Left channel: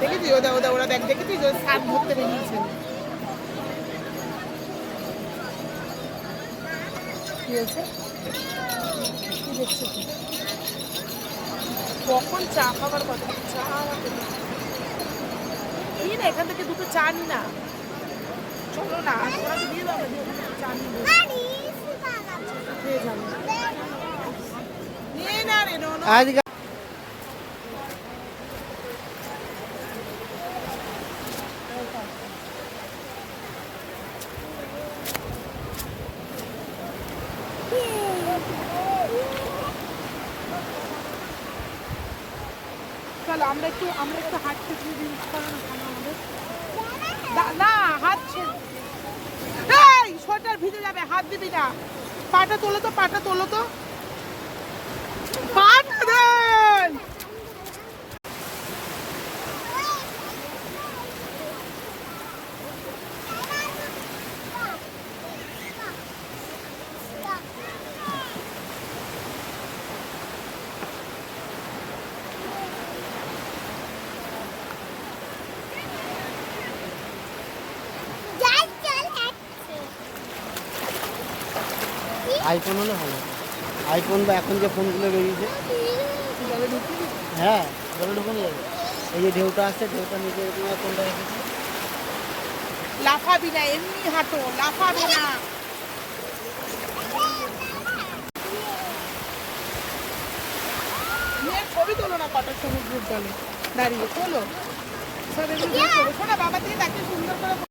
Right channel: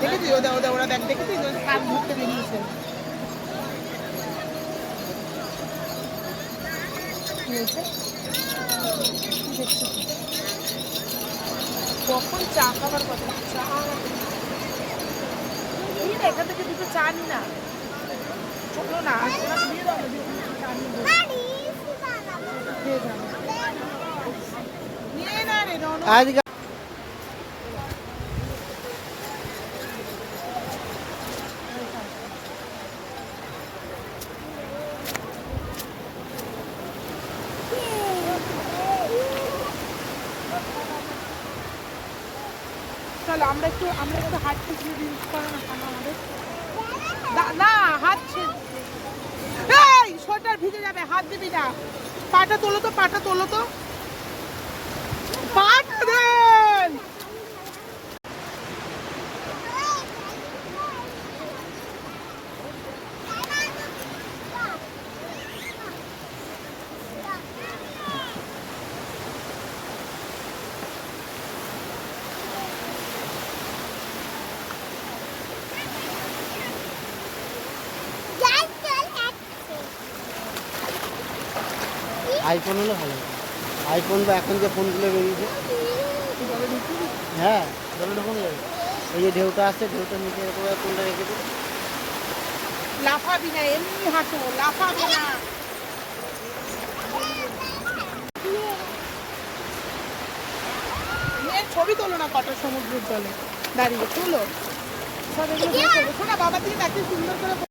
দেখেছি ওরা দেখ দেখেছি যে সাপ ধরতে বেরিয়েছে। কি হয়েছে? কি দেখছো? কখন চা খাবার কথা চা এখান থেকে দুটো চা নি না, চলো না দিয়ে দাও চা নিয়ে যাবো নিয়ে না রে আজকে চলো আমরা একটু হাত থেকে রিলস করো না কেন আমাদের না হাত এই সোয়েটার ভিজে যাবে, হাত দিবি না। পাটা তোলো তো পাটা দেন। আইফোন হলে ভালো, আইফোন বা এখন যে ফোনগুলো বেরিয়েছে। হ্যাঁ জলে ঢুকুন যাবে। এই যে ঢেউটা আসছে, ঢেউটা নিচে কোনটা রেখেছে। লাফাবি না, এমনি হাঁটো, লাফাবি না। ছবি তোলো না কটা সমুদ্রের জলে দাঁড়িয়ে, তোলো সব এগুলো শোনা বাবা দিয়ে তাকে সুন্দর করে